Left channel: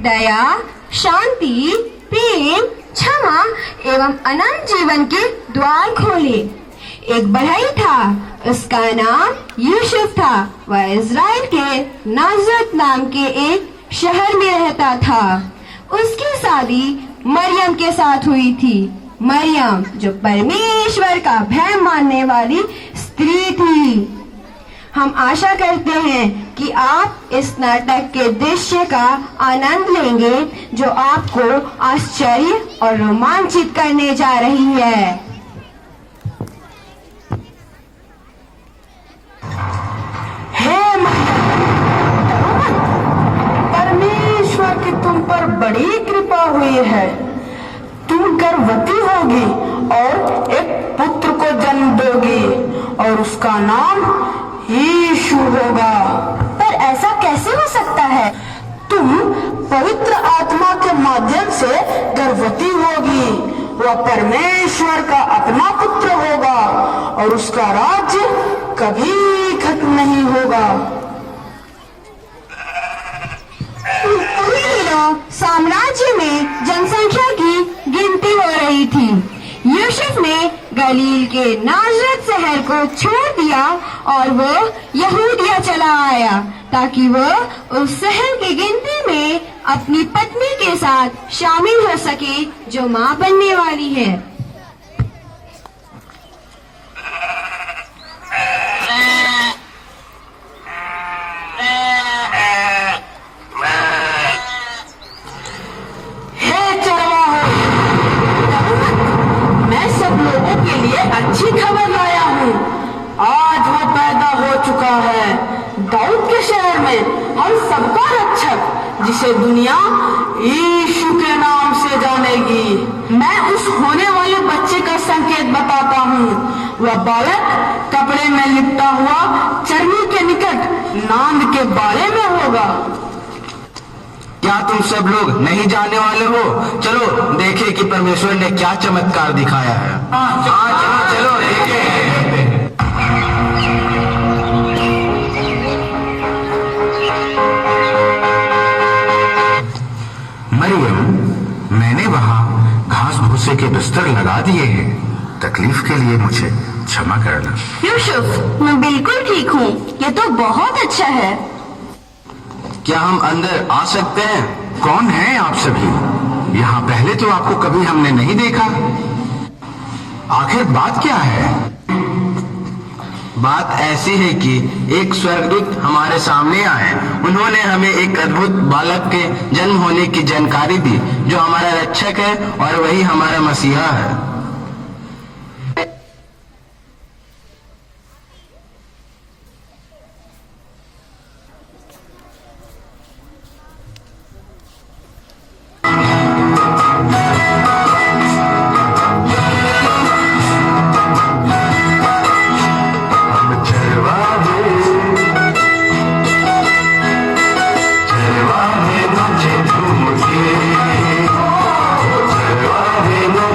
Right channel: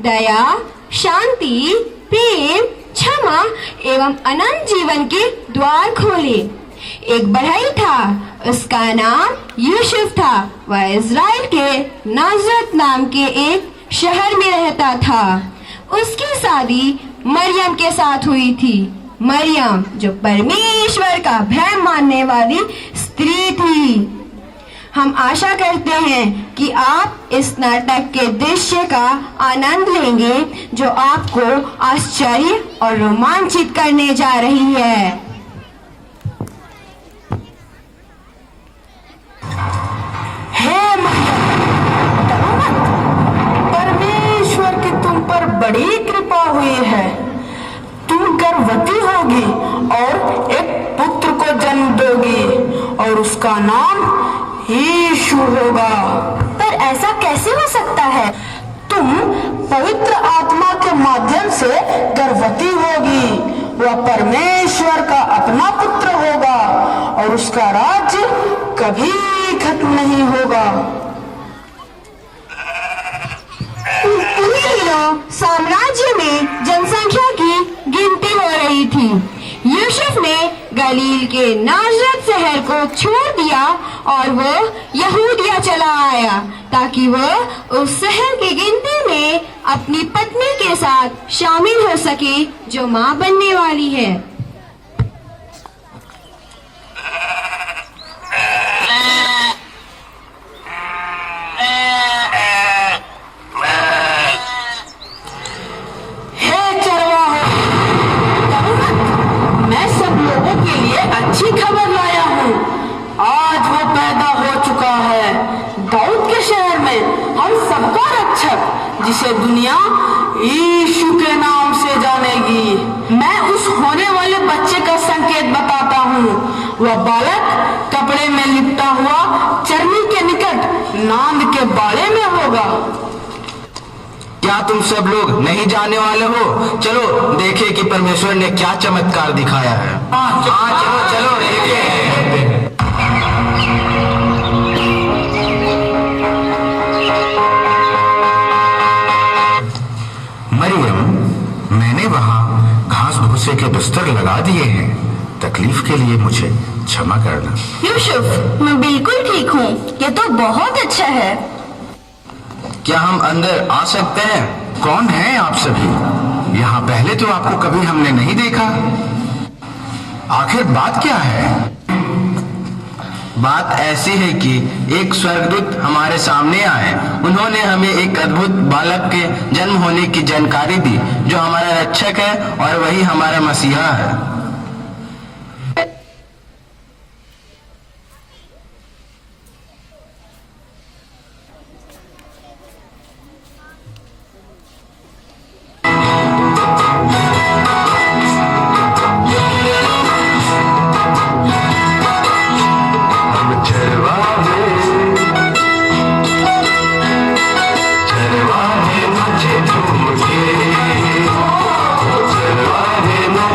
दया, शांति, प्रेम, क्षमा एवं अनंत जीवन के द्वार खोले। एक बढ़ई था, उसका नाम यूसुफ था। वह इज़राइल के नाजरत नाम के एक शहर में रहता था। उसकी शादी मरियम के साथ हुई थी। मरियम जो परमेश्वर का भय मानने वाली स्त्री थी। हम आशा करते हैं कि आप इस नाटक के दृश्य का आनंद लेंगे जो आपको आश्चर्य और रोमांचित करने जा रही है। परमेश्वर की तुम पर बड़ी कृपा हुई है। तुम गर्भवती होगी और एक पुत्र को जन्म दोगी और उसका नाम यीशु होगा। पर ऐसा कैसे हो सकता है? तुम पवित्र आत्मा के माध्यम से गर्भवती होगी। वह परमेश्वर का अपना पुत्र होगा और उसका राज्य कभी खत्म नहीं होगा। साम्राज्य में जनसंख्या की गिनती हो रही थी। यूसुफ ने गलील के नाजरत शहर को छोड़ दिया और वो यहूदिया चला आया ताकि वो उस शहर की गिनती में अपनी पत्नी के साथ शामिल हो सके जो मां बनने वाली है। अच्छी खबर लाया हूँ। आज वो पैदा हो चुका है दाऊद के शहर में, हम सबका रक्षक, जिसे दुनिया यीशु के नाम से जानेगी। मैं उस होने वाले बच्चे का संकेत बताता हूँ। वह बालक कपड़े में लिपटा हुआ चर्नी के निकट नांद के बाड़े में होगा। क्या तुम सब लोग नहीं जाने वाले हो? चलो देखें कि परमेश्वर ने क्या चमत्कार दिखाया है। हाँ चलो चलो देखें। मरियम, मैंने वहाँ घास भूसे के बिस्तर लगा दिए हैं। तकलीफ के लिए मुझे क्षमा करना। यूसुफ, मैं बिल्कुल ठीक हूँ। ये तो बहुत अच्छा है। क्या हम अंदर आ सकते हैं? कौन है आप सभी? यहाँ पहले तो आपको कभी हमने नहीं देखा। आखिर बात क्या है? बात ऐसी है कि एक स्वर्गदूत हमारे सामने आए। उन्होंने हमें एक अद्भुत बालक के जन्म होने की जानकारी दी जो हमारा रक्षक है और वही हमारा मसीहा है।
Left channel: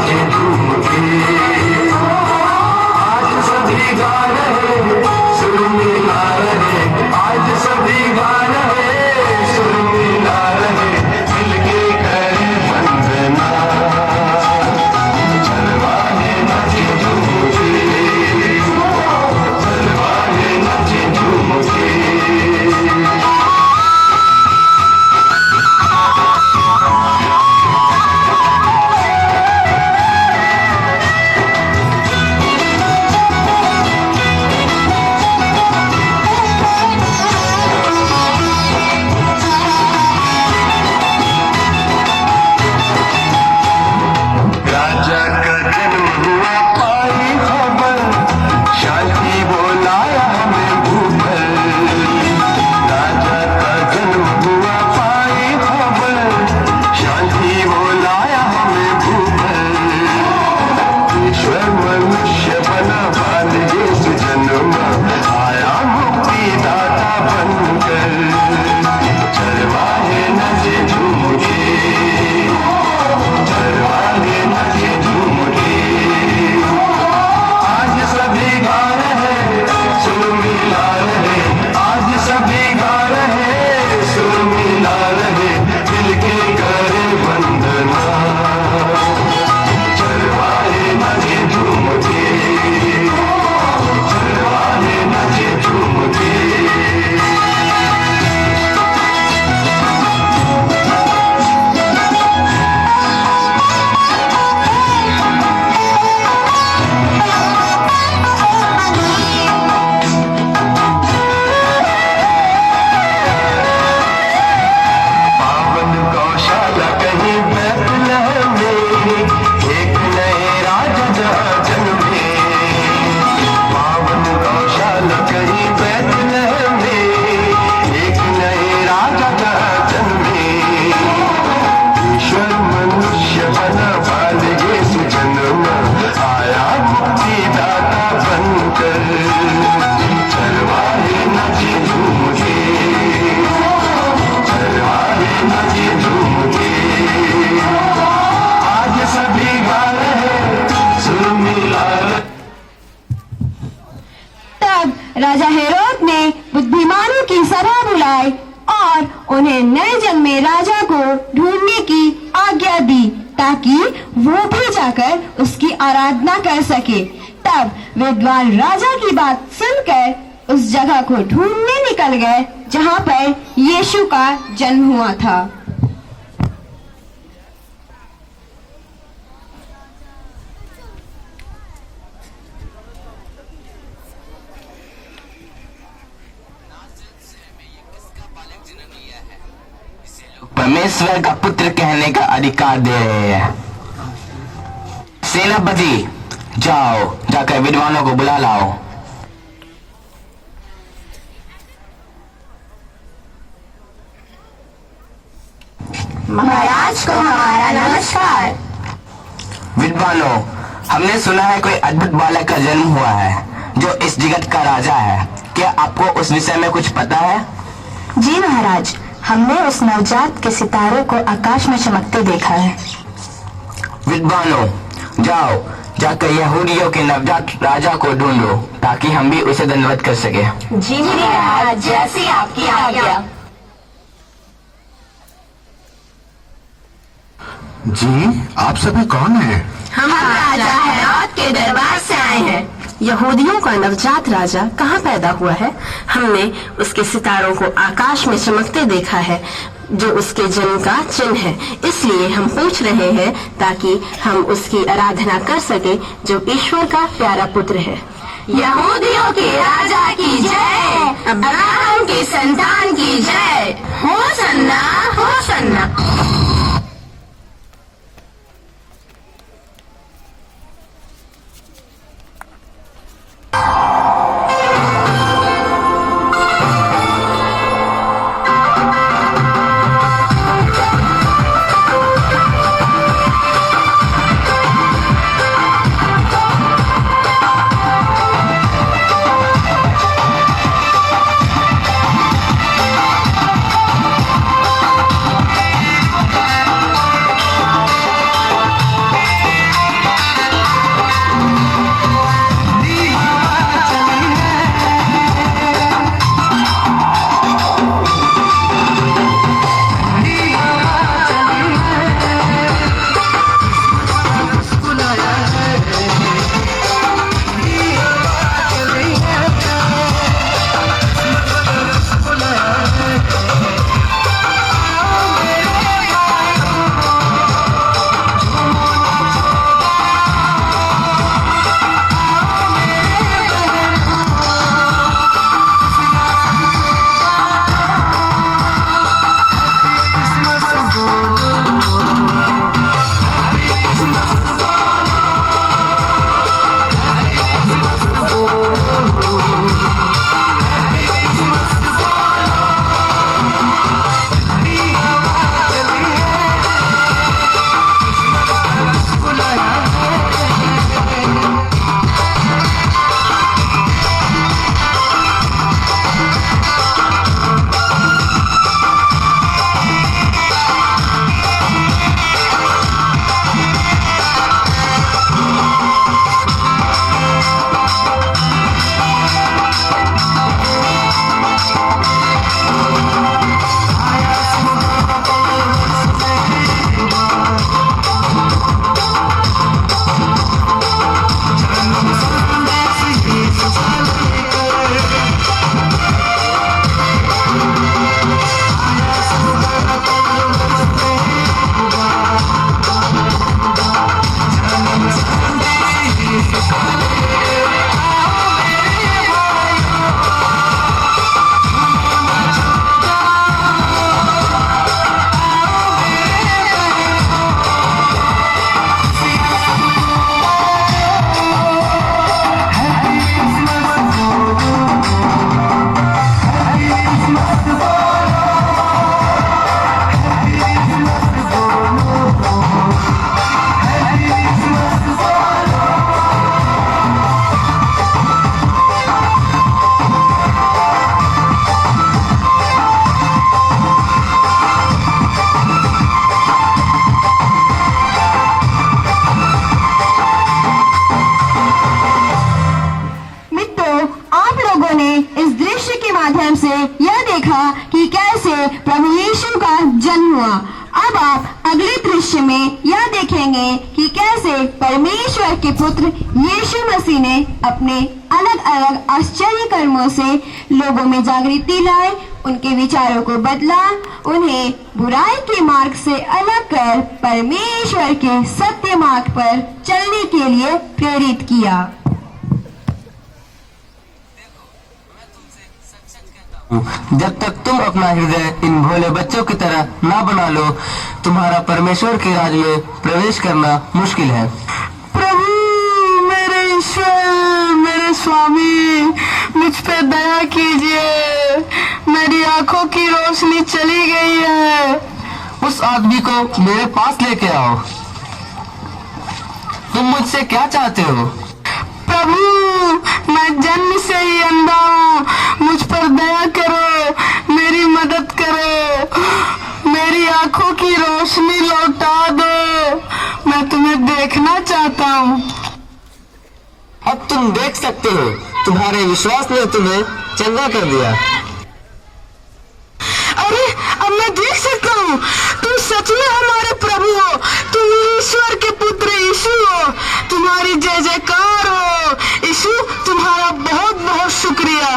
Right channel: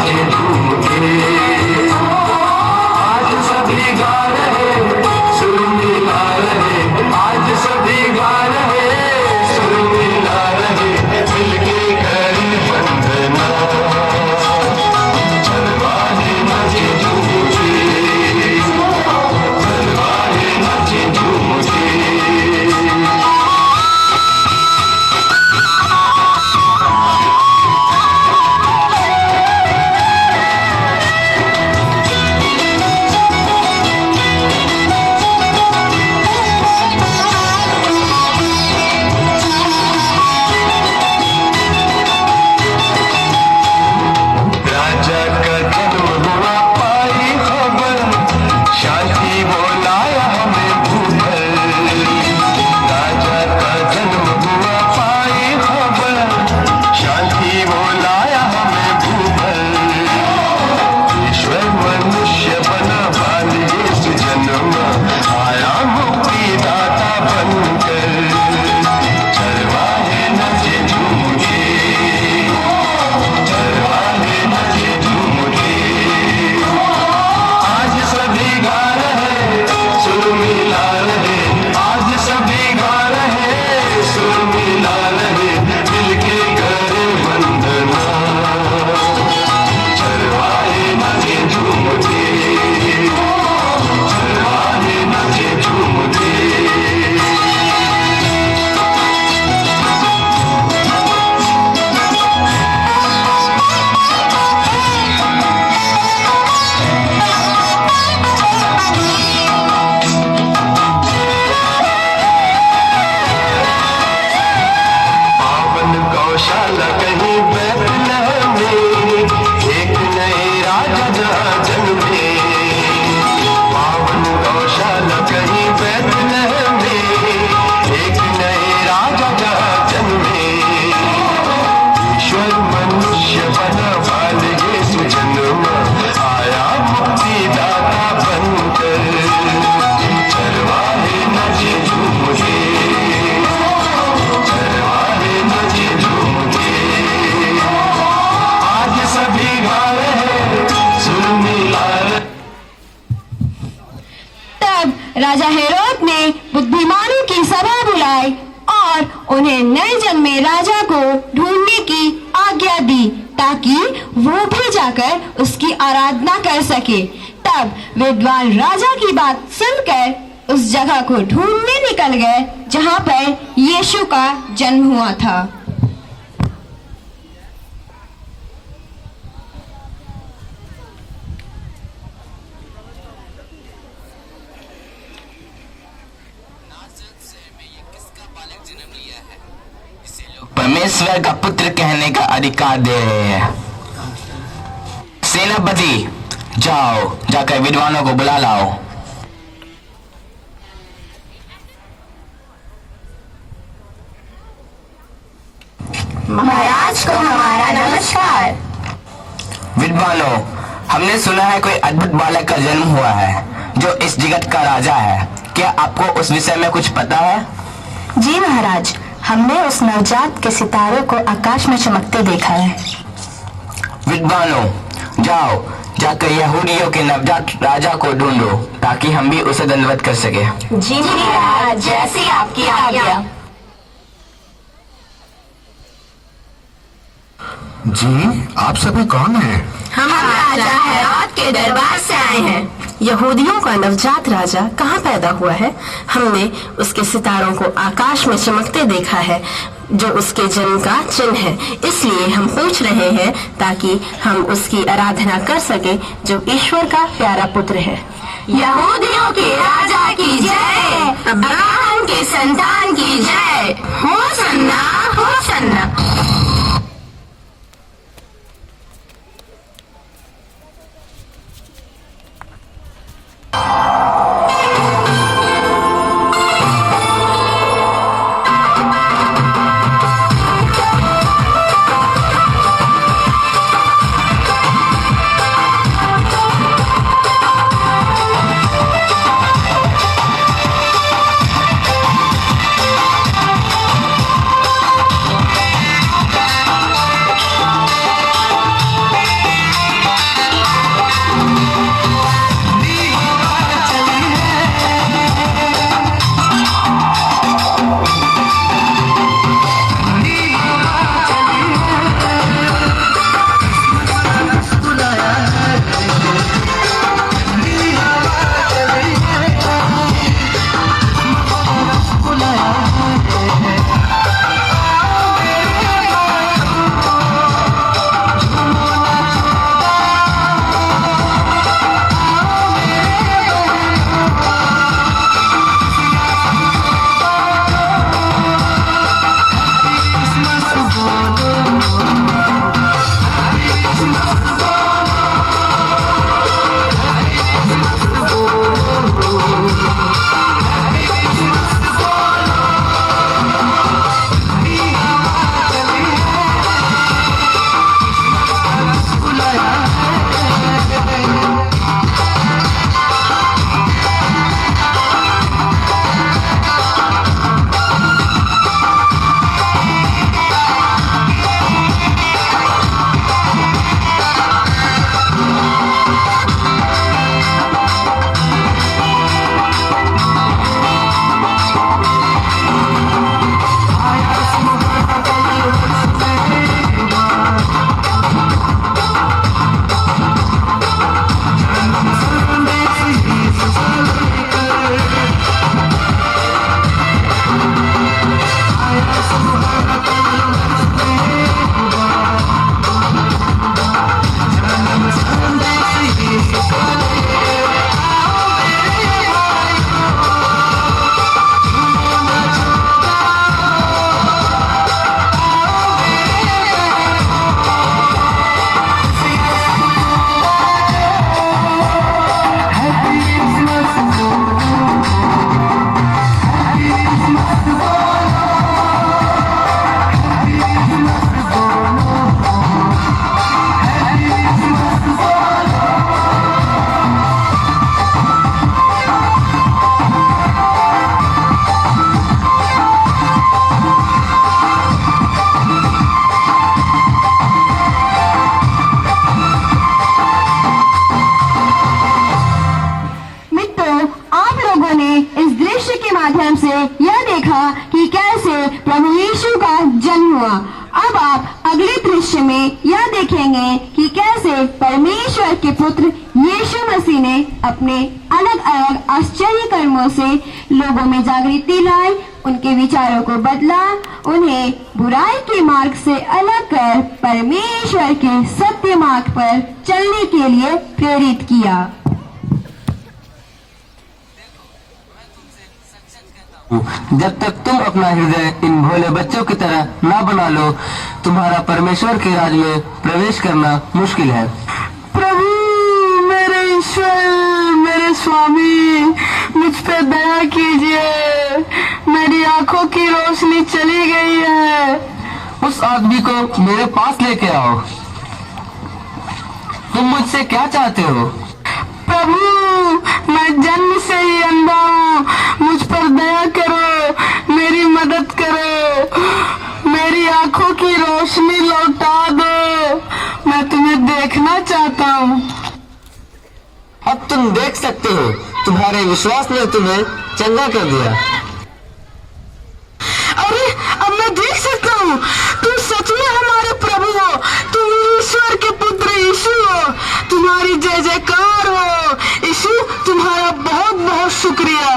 Thank you. गौशाला कहीं बैतलहम में, एक नए राजा जहाँ जन्मे। पावन गौशाला कहीं बैतलहम में, एक नए राजा जहाँ जन्मे। ईश्वर मनुष्य बना बाल यीशु जन्म, आया मुक्तिदाता बनकर। चरवाहे नचे झूम के, चरवाहे नचे झूम के, आज सभी गा रहे सुर मिला रहे। तब राजा हेरोद ने बुद्धिमानों की सभा बुलाई और उन्हें नए जन्मे राजा को ढूंढने की आज्ञा दी, ताकि वो भी जाकर उसकी आराधना कर सके। तब विद्वान राजा की बात सुनकर उस जगह को ढूंढने निकल गए जहाँ पर यीशु का जन्म हुआ था। परमेश्वर का पुत्र कहने का अधिकार दे रहे हैं। सेनापति, जाओ, जाकर विद्वानों को बुला लाओ। महाराज को हमारा नमस्कार। विद्वानों, हमने सुना है कोई अद्भुत बालक का जन्म हुआ है जो इस जगत का राजा है। क्या आपको उस विषय में कुछ पता है? जी महाराज, हमने उस नवजात के सितारों को आकाश में चमकते देखा है। विद्वानों, जाओ, जाकर यहूदियों के नवजात राजा को ढूंढो, ताकि हम भी उसे दंडवत कर सके। जी महाराज, जैसी आपकी आज्ञा। जी, आप सभी कौन हैं? हम राजा हेरोद के दरबार से आए हैं। यहूदियों का नवजात राजा कहाँ पैदा हुआ है? हमने उसके सितारों को आकाश में चमकते देखा है, जो उसके जन्म का चिन्ह है। इसलिए हम पूछ रहे हैं ताकि हम उसकी आराधना कर सके, जो ईश्वर का प्यारा पुत्र है। यहूदियों के राजा की जय, अब्राहम के संतान की जय। Hosanna, Hosanna. हुआ। अब आप अगले दृश्य में यह देखेंगे कि कैसे परमेश्वर के पुत्र यीशु मसीह ने अपने अलग अलग आश्चर्य कर्मों से लोगों में जागृति लाई, उनके विचारों को बदला, उन्हें बुराई के मार्ग से अलग कर परमेश्वर के सत्य मार्ग पर चलने के लिए प्रेरित किया। जब तक तुम अपना हृदय इन भोले बच्चों की तरह ना बना लो, तुम्हारा परमेश्वर के राज में प्रवेश करना मुश्किल है। प्रभु, मेरे ईश्वर, मेरे स्वामी, मुझ पे दया कीजिए। मेरी आंखों की रोशनी चली गई है। उस आदमी को मेरे पास लेके आओ। तुम मुझसे क्या चाहते हो? प्रभु, मैं जन्म से ही अंधा हूँ। मुझ पर दया करो, मेरी मदद करो, मेरी आंखों की रोशनी लौटा दो। मैं तुम्हें देखना चाहता हूँ। अब तुम देख सकते हो, तुम्हारे विश्वास ने तुम्हें चंगा कर दिया। अरे, अब मैं देख सकता हूँ। तुम सच में हमारे प्रभु हो। तुम ईश्वर के पुत्र यीशु हो। तुम्हारी जय जयकार हो यीशु। तुम्हारा बहुत बहुत शुक्रिया।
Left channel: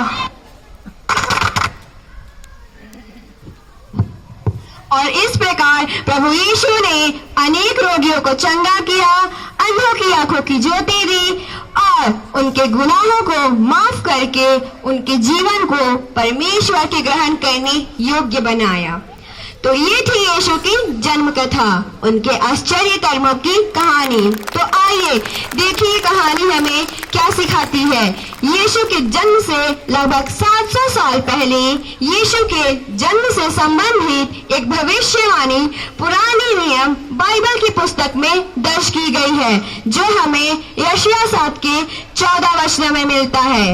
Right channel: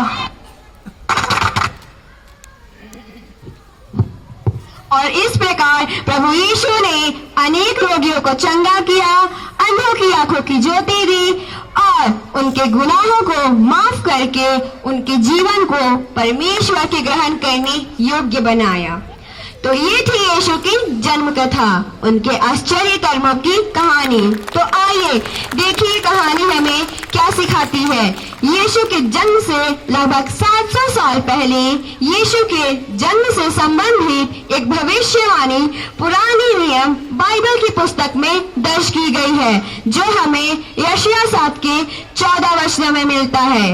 और इस प्रकार प्रभु यीशु ने अनेक रोगियों को चंगा किया, अंधों की आंखों की ज्योति दी और उनके गुनाहों को माफ करके उनके जीवन को परमेश्वर के ग्रहण करने योग्य बनाया। तो ये थी यीशु की जन्म कथा, उनके आश्चर्य कर्मों की कहानी। तो आइए देखिए कहानी हमें क्या सिखाती है। यीशु के जन्म से लगभग 700 साल पहले यीशु के जन्म से संबंधित एक भविष्यवाणी पुरानी नियम बाइबल की पुस्तक में दर्ज की गई है, जो हमें यशायाह 7 के 14 वचन में मिलता है।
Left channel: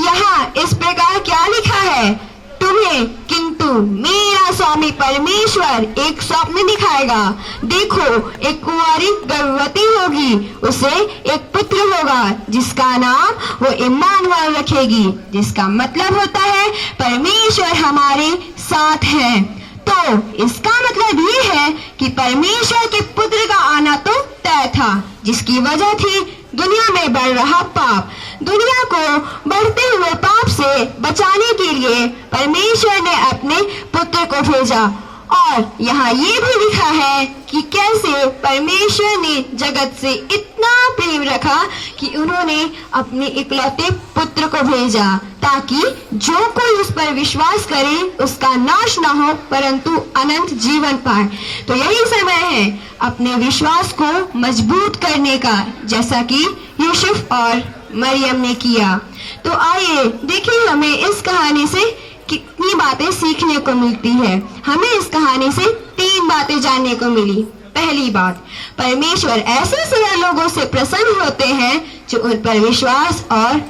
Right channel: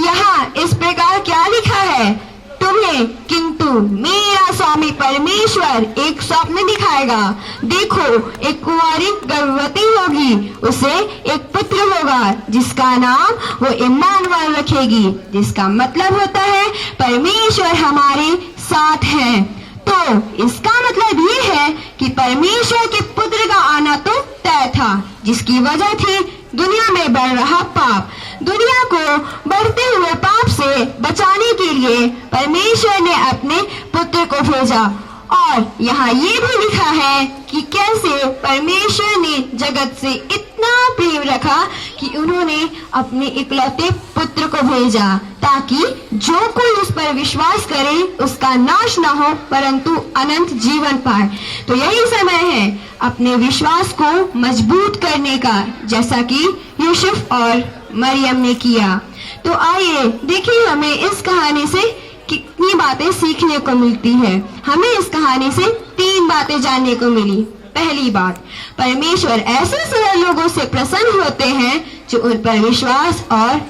यहाँ इस प्रकार क्या लिखा है, तुम्हें किंतु मेरा स्वामी परमेश्वर एक स्वप्न दिखाएगा। देखो, एक कुंवारी गर्भवती होगी, उसे एक पुत्र होगा, जिसका नाम वो इम्मानुएल रखेगी, जिसका मतलब होता है परमेश्वर हमारे साथ है। तो इसका मतलब ये है कि परमेश्वर के पुत्र का आना तो तय था, जिसकी वजह थी दुनिया में बढ़ रहा पाप। दुनिया को बढ़ते हुए पाप से बचाने के लिए परमेश्वर ने अपने पुत्र को भेजा। और यहाँ ये भी लिखा है कि कैसे परमेश्वर ने जगत से इतना प्रेम रखा कि उन्होंने अपने इकलौते पुत्र को भेजा, ताकि जो कोई उस पर विश्वास करे उसका नाश न हो परंतु अनंत जीवन पाए। तो यही समय है अपने विश्वास को मजबूत करने का, जैसा कि यूसुफ और मरियम ने किया। तो आइए देखिए हमें इस कहानी से कितनी बातें सीखने को मिलती है। हमें इस कहानी से 3 बातें जानने को मिली। पहली बात, परमेश्वर ऐसे सरल लोगों से प्रसन्न होते हैं जो उन पर विश्वास और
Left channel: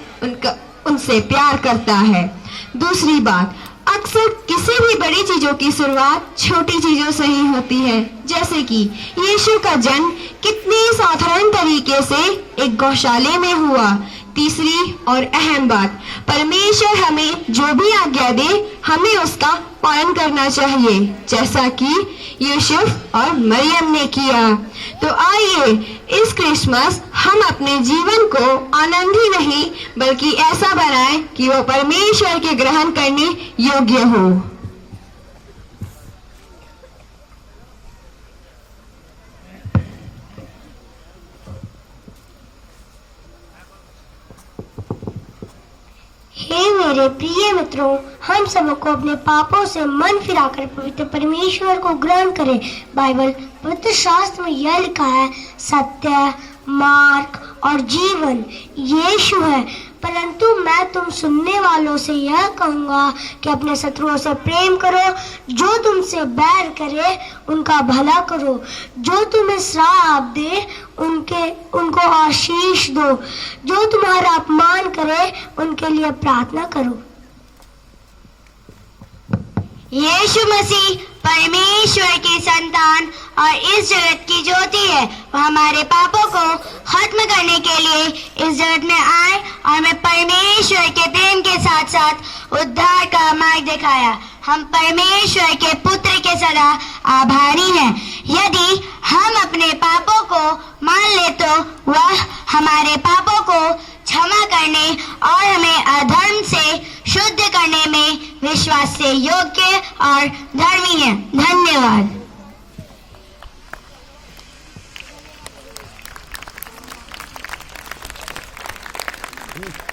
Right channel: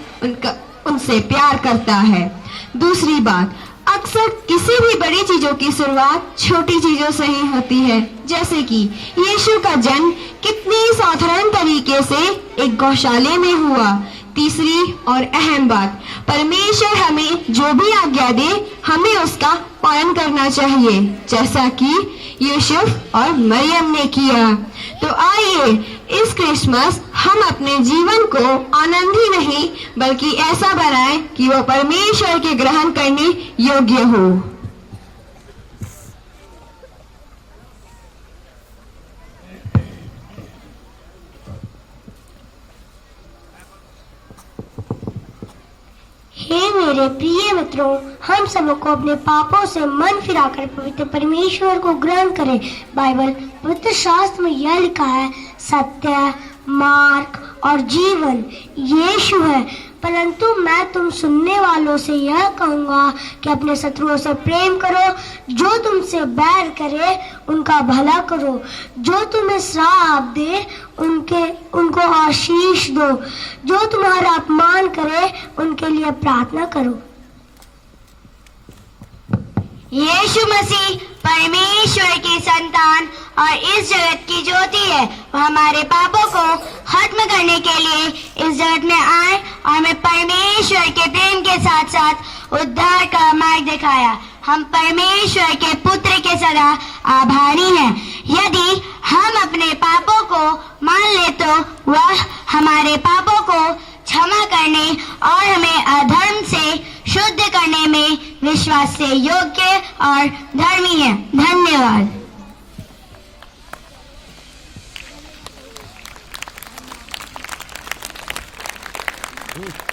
उनसे प्यार करता है। दूसरी बात, अक्सर किसी भी बड़ी चीजों की शुरुआत छोटी चीजों से ही होती है, जैसे कि यीशु का जन्म कितनी साधारण तरीके से एक गौशाले में हुआ। तीसरी और अहम बात, परमेश्वर हमें जो भी आज्ञा दे हमें उसका पालन करना चाहिए, जैसा कि यूसुफ और मरियम ने किया। तो आइए इस क्रिसमस हम अपने जीवन को आनंदी नहीं बल्कि ऐसा बनाएं कि वो परमेश्वर के ग्रहण करने योग्य हो। हे मेरे प्रिय मित्रों, हम सबको अपने पापों से मन फिराकर पवित्र परमेश्वर को ग्रहण करें। बाइबल पवित्र शास्त्र में यह लिखा है, सत्य, मार्ग और जीवन यीशु है। परंतु मैं तुम सुनने वालों से यह कहूँगा कि अपने शत्रुओं से प्रेम करो, जो तुमसे बैर करे उनका भला करो, जो तुम्हें श्राप दे उनको आशीष दो, जो तुम्हारा अपमान करे उनके लिए प्रार्थना करो। यीशु मसीह परमेश्वर की संतान और इस जगत की ज्योति है। वो हमारे पापों को खत्म करने के लिए इस जगत में आए और हमें परमेश्वर के प्रेम के साथ साथ उद्धार का मार्ग दिखाया। हम परमेश्वर के पुत्र के सदा आभारी हैं। यदि हम अपने पापों को मान ले तो वह हमारे पापों को क्षमा करने और हमें अधर्म से शुद्ध करने में विश्वास से योग्य और धर्मी है। धन्यवाद। हम्म।